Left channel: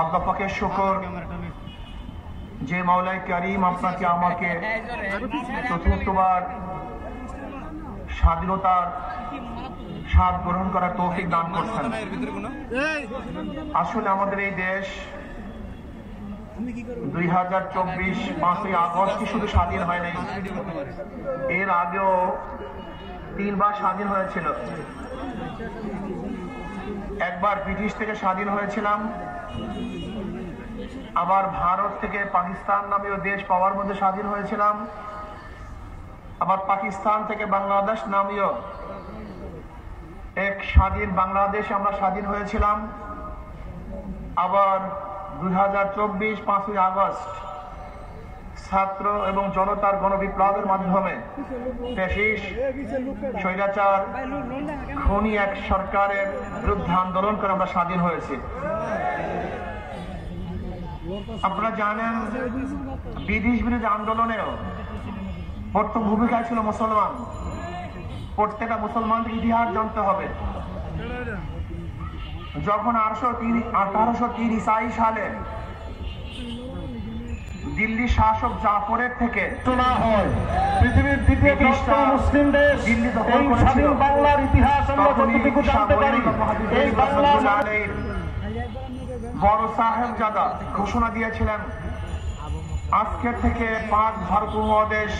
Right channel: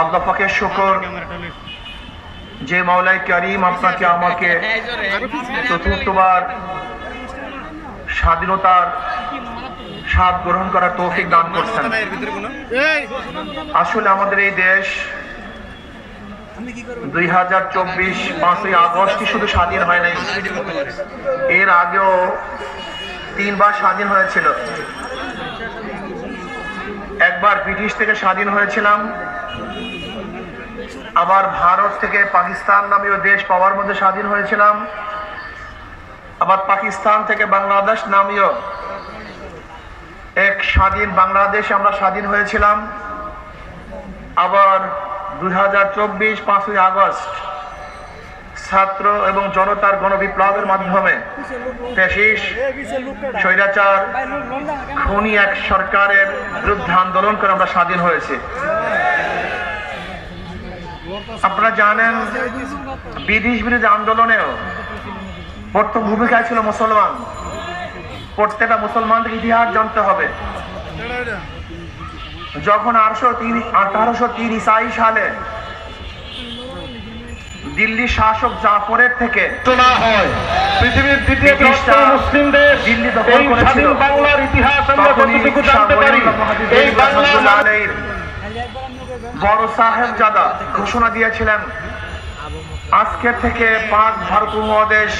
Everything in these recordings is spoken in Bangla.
আল্লাহ পাকের শুকর যে মাওলাই কারীম আপনাকে আমাকে চতুর্থবার স্বাধীনতার স্বাদ গ্রহণ করার তৌফিক দান করছেন। আসলে আমাদের এই দেশ 2024 5ই আগস্টই শুধু স্বাধীন হয় নাই, এর আগেও 3 বার স্বাধীন হয়েছিল। একবার ব্রিটিশ থেকে স্বাধীন হয়েছিলাম, আবার ভারত থেকে পাকিস্তান নামীয় দেশ পাওয়ার মধ্যে স্বাধীন হয়েছিলাম, আবার পাকিস্তান থেকে বাংলাদেশ নামীয় এক স্বাধীন বাংলাদেশ আমরা স্বাধীন হয়েছিলাম। আবার 2024 5ই আগস্ট ছাত্র এবং জনতার গণবিপ্লবের মাধ্যমে ফ্যাসিস্ট স্বৈরাচার খুনি এক সরকারের বিরুদ্ধে আন্দোলন করে আমরা স্বাধীন হয়েছে। আপনারা জানেন ব্রিটিশ বিরোধী আন্দোলনেও প্রথম ভূমিকায় ছিল মুসলমান। প্রত্যেকটা মুসলমানদের ইতিহাস জানতে হবে। যখন 1803 ঈসাই সালে দিল্লি শাসক জাফরের থেকে পৃথিবীর দ্বিতীয় মুসলিম দেশ দিল্লি দখল করেছিল, বাংলার ইতিহাস বড় সাহেবজাদা ঘোষণা দিয়েছিলেন আজকের থেকে পাক ভারত উপমহাদেশ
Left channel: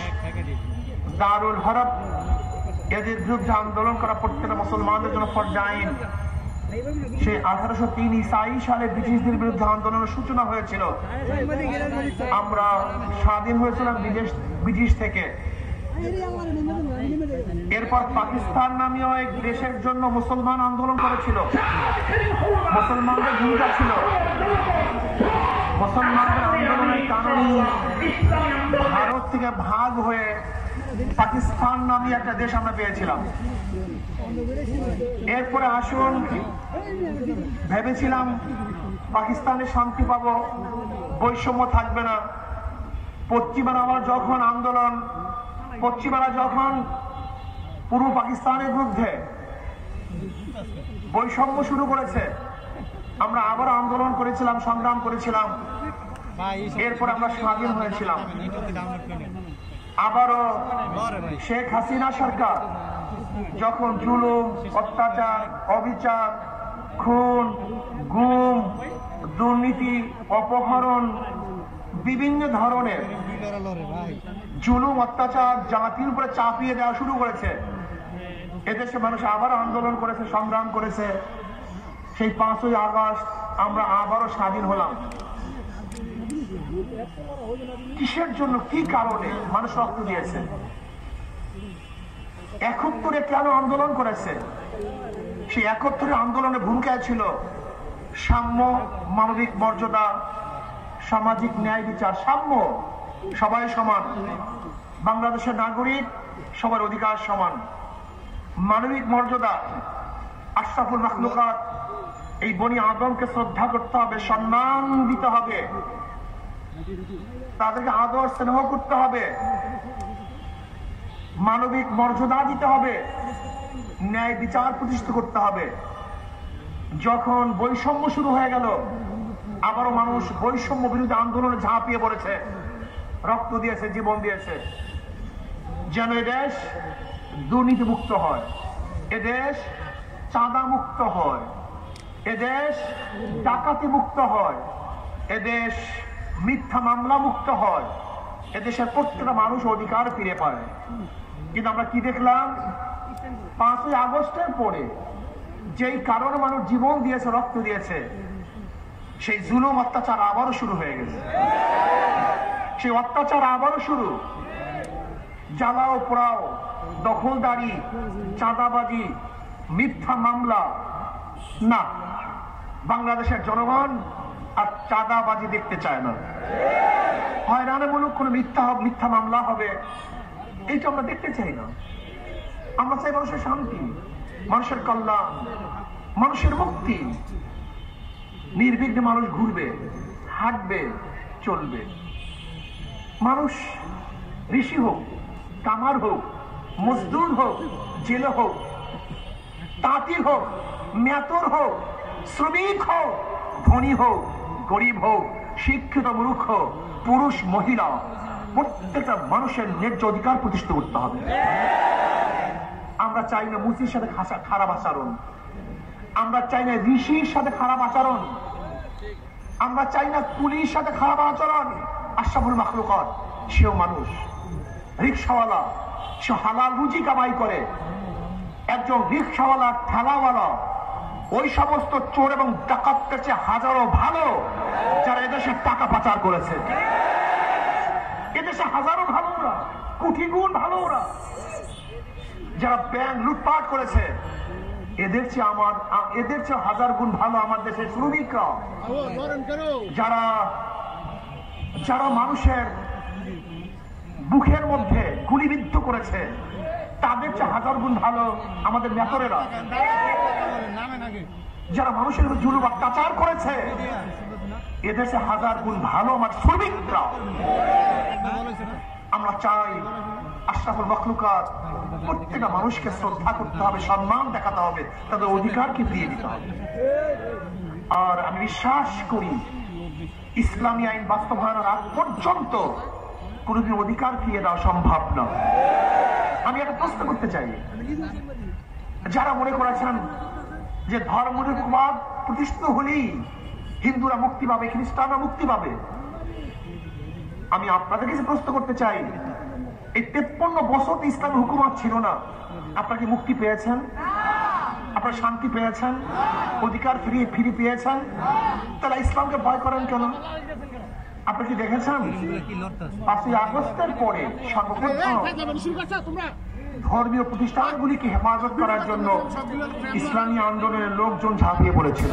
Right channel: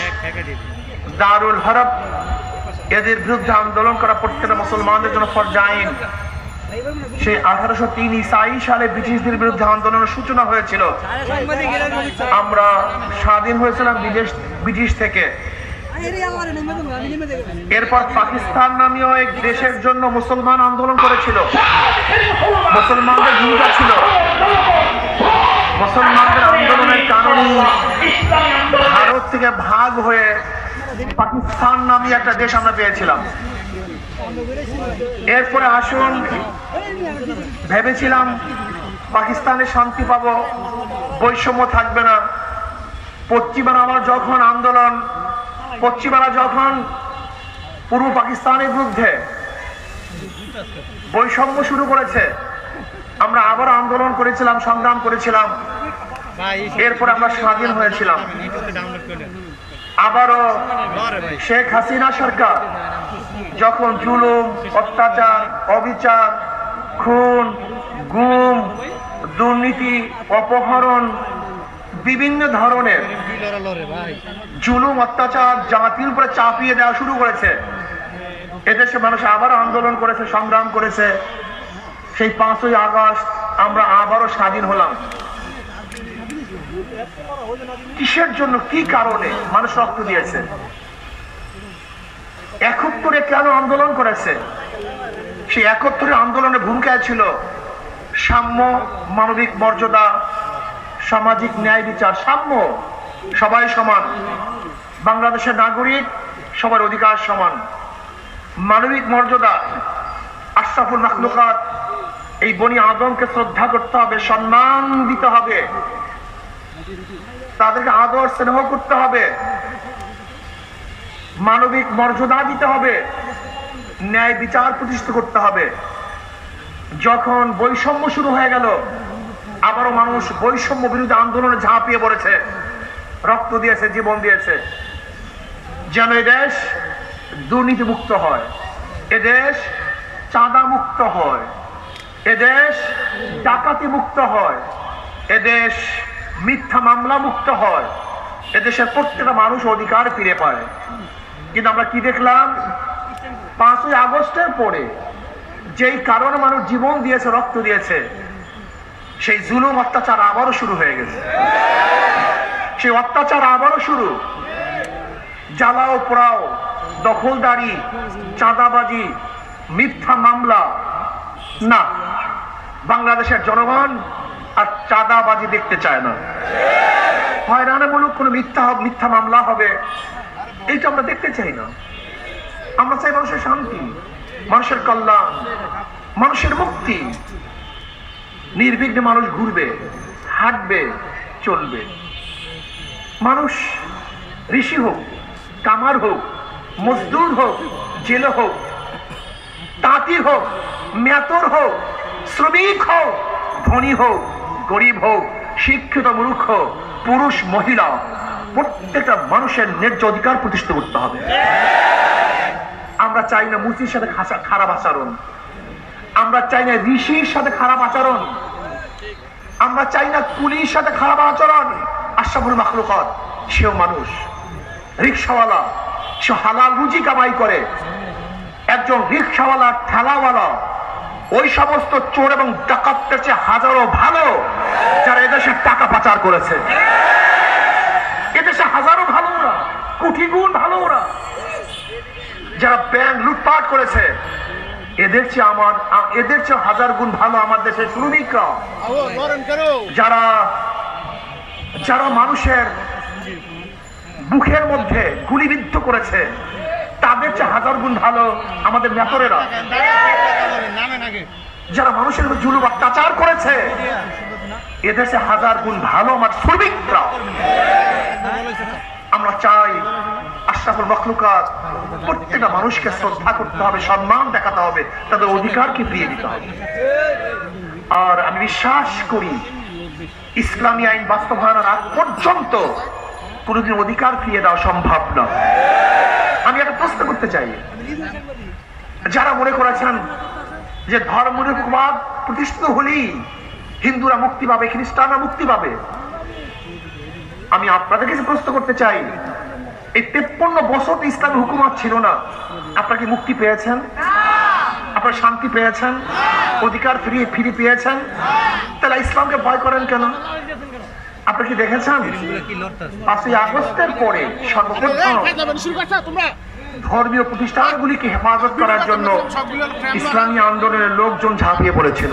দারুল হরব, এদের বিরুদ্ধে আন্দোলন করা প্রত্যেকটা মুসলমানদের জন্য ফরজ আইন। সেই 1803 ঈসাই সালে ব্রিটিশদের বিরুদ্ধে আন্দোলনের সূচনা হয়েছিল। আমরা স্বাধীন হয়েছিলাম ব্রিটিশ থেকে। এরপর পাকিস্তান নামীয় এক দেশের জন্য মুসলমান আন্দোলন করেছিল। মুসলমানদের ভূমিকা ছিল, মুসলমানদের আন্দোলনের কারণে ভারত থেকে ভাগ হয়ে পাকিস্তান নামী একটা দেশ আমরা পেয়েছিলাম। এরপরে আসুন, ভেবেছিলাম পাকিস্তানে শান্তি পাবো, বৈষম্য থাকবে না। পশ্চিমারা যখন পূর্ব পাকিস্তানের বিরুদ্ধে বৈষম্য শুরু করেছে, আমরা আবার আন্দোলন করেছিলাম, সংগ্রাম করেছিলাম। এরপর আমরা স্বাধীন হয়েছিলাম। আবারও শেখ হাসিনা সরকার যখন জুলুম, অত্যাচার, অবিচার, খুন, গুম, দুর্নীতি, অপহরণ, বিভিন্ন ধরনের জুলুম, অত্যাচার জাতির উপরে চাপিয়ে দেওয়া শুরু করেছে, এদেশে মানুষ আবার আন্দোলন করেছে, সংগ্রাম করেছে। সেই 5ই আগস্ট আমরা আবারও স্বাধীন হলাম। কিসের জন্য, কি কারণে মানুষ রক্ত দিয়েছে? 71-এ কেন আন্দোলন করেছে? সেই 71-এর আন্দোলনের ভূমিকা ছিল সাম্য, মানবিক মর্যাদা, সামাজিক ন্যায় বিচার, সাম্য, সবাই সমান, বাংলাদেশের নাগরিক সবার অধিকার সমান, মানবিক মর্যাদা, আশরাফুল মাখলুকাত এই বনি আদমকে শ্রদ্ধা করতে হবে, সম্মান দিতে হবে, তাদেরকে আদর স্নেহ করতে হবে, মানবিক মর্যাদা দিতে হবে, ন্যায় বিচার প্রতিষ্ঠা করতে হবে। যখন বৈষম্য শুরু হয়ে গেল, আবারও মানুষ বৈষম্য বিরোধী আন্দোলনে ঝাঁপিয়ে পড়েছে, রক্ত দিয়েছে, জীবন দিয়েছে, যেন এদেশ দুর্নীতি মুক্ত হয়, এদেশ চাঁদা মুক্ত হয়, এদেশ ডাকাতি মুক্ত হয়, এদেশ মিথ্যা মামলা মুক্ত হয়, এদেশের প্রত্যেকটা মানুষ অধিকার ফিরে পায়। কিন্তু আমরা কি দেখলাম? 5ই আগস্টের পরে যেই কারণে মানুষ জীবন দিয়েছে, রক্ত দিয়েছে, সেই জুলুম, অত্যাচার আবারও শুরু হয়ে গেছে। সেই অত্যাচার আবারও শুরু, জ্বালাও পোড়াও, দখলদারি, চাঁদাবাজি, মিথ্যা মামলা। না, বাংলাদেশের জনগণ আর চাঁদাবাজি দেখতে চায় না। হয়রানিমূলক কোনো মিথ্যা মামলা হবে, এইটা আমরা দেখতে চাই না। আমরা চাই মানুষের শান্তি, মানুষের কল্যাণ, মানুষের মুক্তি। নির্বিঘ্নে মানুষ ঘুরবে, হাঁটবে, চলবে। মানুষ ঋষি হোক, কামার হোক, মজদুর হোক, জেলে হোক, তাঁতি হোক, মেতর হোক, শ্রমিক হোক, ধনী হোক, গরিব হোক, শিক্ষিত মূর্খ, পুরুষ মহিলা, প্রত্যেকটা মানুষের ন্যায্য অধিকার প্রতিষ্ঠিত করতে হবে। আমরা চাই না মুসির সাথে খারাপ আচরণ, আমরা চাই না ঋষির সাথে খারাপ আচরণ, আমরা চাই না কুলির সাথে খারাপ আচরণ। আশরাফুল মাখলুকাত সেও মানুষ, রিকশাওয়ালা, সে হালাল রুজি কামাই করে। একজন রিকশাওয়ালা, ঠেলাওয়ালা, ওই সমস্ত চোর এবং ডাকাতদের চেয়ে হাজারো ভালো যারা এদেশের টাকা পাচার করেছে। এদেশে হাজারো ভালো ওরা, কোটি গুণ ভালো ওরা। যারা ব্যাংক লুটপাট করেছে, এদের চেয়ে হাজার গুণ ভালো আমার দেশের শ্রমিকরা। যারা মানুষের মুখের মধ্যে গুলিবিদ্ধ করেছে, তাদের চেয়ে হাজার গুণ ভালো আমাদের নেতারেরা। যারা মানুষের উপর জুলুম অত্যাচার করেছে, এদেশে হাজার গুণ ভালো আমার শ্রমিকরা। আমরা চাই আশরাফুল মাখলুকাত প্রত্যেকটা মানুষকে শ্রদ্ধা করতে হবে, সম্মান দেখাতে হবে, তাদের অধিকারকে ফিরিয়ে দিতে হবে। আর আমি বিশ্বাস করি ইসলামী আইন বাস্তবায়নের আগ পর্যন্ত কোনদিন অধিকার ফিরিয়ে দেওয়া সম্ভব না। আমি একটা প্রশ্ন করতে চাই, যারা মনে করেছেন যে ধর্মনিরপেক্ষবাদ প্রতিষ্ঠিত হলেই হিন্দুরা মুক্তি পাবে, খ্রিস্টানরা মুক্তি পাবে, আমি আপনাদের কাছে প্রশ্ন করতে চাই, এই 53 বছর ইসলামী হুকুমত ছিল না, আপনারা কি মুক্তি পেয়েছেন? আপনারা শান্তি পেয়েছেন? অধিকার ফিরে পেয়েছেন? তাহলে ইসলামকে ভয় করেন কেন? আপনি কি দেখেছেন 5ই আগস্টের পরে সর্বপ্রথম ধর্মীয় প্রতিষ্ঠানগুলিকে হেফাজত করার জন্য ইসলামী আন্দোলনের লোকজন ঝাঁপিয়ে পড়েছিল।